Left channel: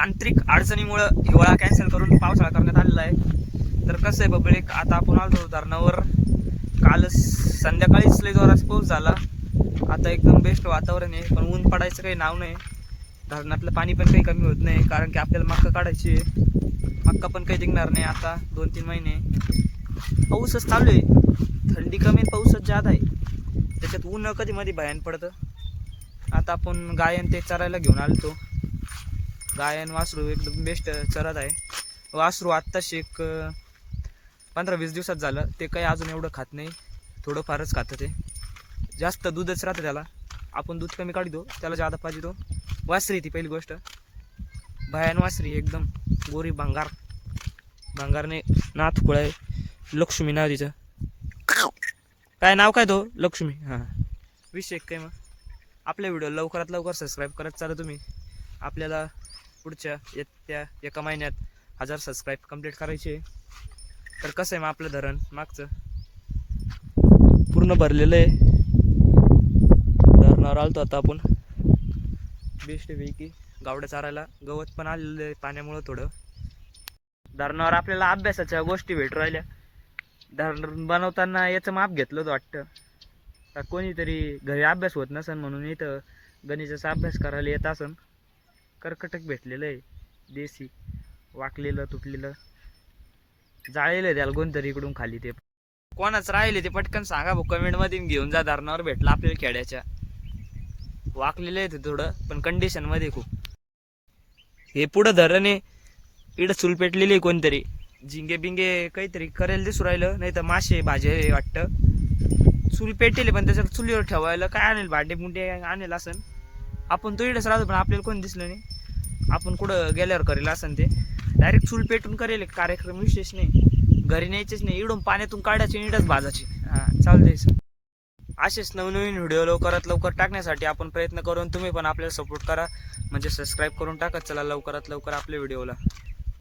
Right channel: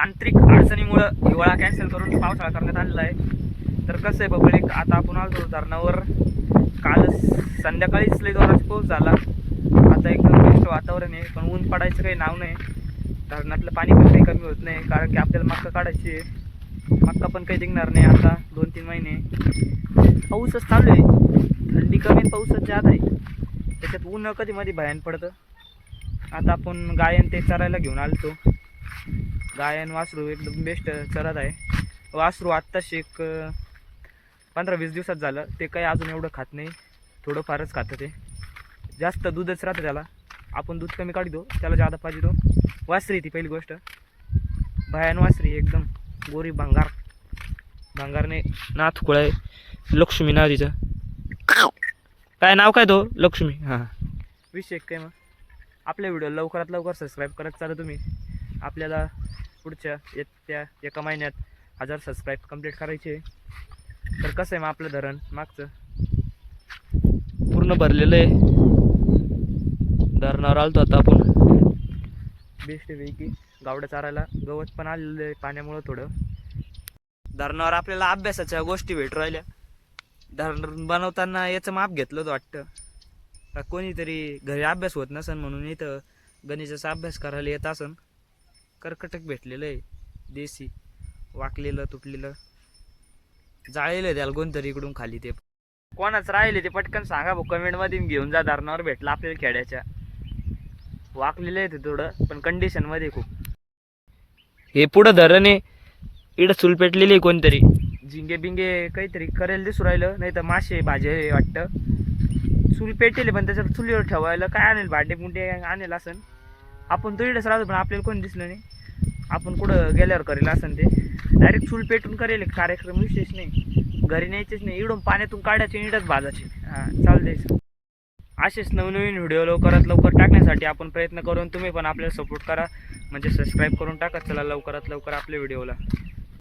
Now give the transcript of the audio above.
तांत्रिक अडचणीमुळं हिवाळा कॅन्सल करून पावसाळा करण्यात आलेला आहे. तर कसं आहे बबळीक आता आपण आलो धरणावर. काल संध्याकाळीच लय जोराचा पाऊस झाला. आता एकदम बेस्ट वातावरण आहे पण ऊन पडायचं काही नाव नाही. धरणातलं पाणी पण काही कमी होत नाही कारण की आपल्याला मक्का काढायची आहे. मक्का पण काही निघणार नाही आता दोन तीन महिने. पाऊसच चालू आहे. थंडी कमी आणि पाऊसच जात आहे. त्याच्यात ऊन कधी मध्ये भयान पडतं. आता आपण गायन ते चरायला घेऊन आलतो. गायन वासरू एकदम बेस्ट चरत आहे. वासरू आत्ताशी एक पंधरा वीस दिवसात झालं. ते काही अजून एवढं खात नाही. थोडंफारच खातं ते. जास्त दूधच राहतं त्याला. आपण दूध कमी काढतो त्याला जादा पाहिजे तो. वासरी ती पहिली गोष्ट. भयान वासरी एकदम. गोरी भांगार. भांगारने नाथ आहे. लक्ष्मी नाव तिचं. काय नाव काय तो? लक्ष्मी. हां. विषय काय मग? आपल्या व्हिडिओ लवकरात लवकर सबस्क्राईब करत चाला तुम्ही. आपल्याला पुढच्या येत्या एका महिन्यात हजार सबस्क्राईब कंप्लीट करायचे. आहे. तर कसं आहे मग आपलं धरण? मागचं? पूर्ण भरलेलं आहे. धरणावर आलतो आता आपण. बेस्ट पैकी. गावड्या चारायला गवत पण आलेलं आहे पाण्यामुळं थोडं. धरणावर आपल्याला अभ्यासाच्या गोष्टी भेटू राहिल्या. धरण बनवताना याचं माप घेतलं होतं वाटतं. का कोणीतरी घरी अभ्यास होत नसन म्हणून इथं गणिताचा अभ्यास करायला येत असन. कर्कटक भेटलेलं आहे. देसी वाकलेलं तुटलेलं. जाळलेलं आहे त्याला कोणतरी इकडून खाली ते. कोणाच राहिले ते पटकन सांगा भाऊ. कमेंटमध्ये घेऊन जा धरणावर भेटलं आपल्याला खेड्याच्या. वाकलेलं आहे ते थोडं पण कंडिशनमध्ये खूप. हे पुढं धरण आहे. इकडं चूल पेटलेली आहे कोणतरी. झिंगे बिंगे काहीतरी करेल दिसू राहिलं नाही तर मासे भाजे वाटतं. चूल पेटेल पण त्याच्यात चुलीवर ठेवायला काय आणेल? भांडे मुंडे आणेल असं आपण तो इकडंच राहतो पण आपल्याला कोणी दिसलं नाही. आपण कुठं गेल्यावर करेल असं ते. डायरेक्ट चूल पेटून करेल एक कार्यक्रम विशेष नाही. घरी न्यायचेच नाही इडून पाण्यातून काढायचे इडच भाजायचे. हां चालतंय असेच नवनवीन व्हिडिओ लवकरात लवकर टाकण्यासाठी आपण प्रयत्न करून तुम्ही पण आपल्याला सपोर्ट करा. म्हणजे सबस्क्राईब करून टाकत चला लवकरात लवकर आपल्या व्हिडिओला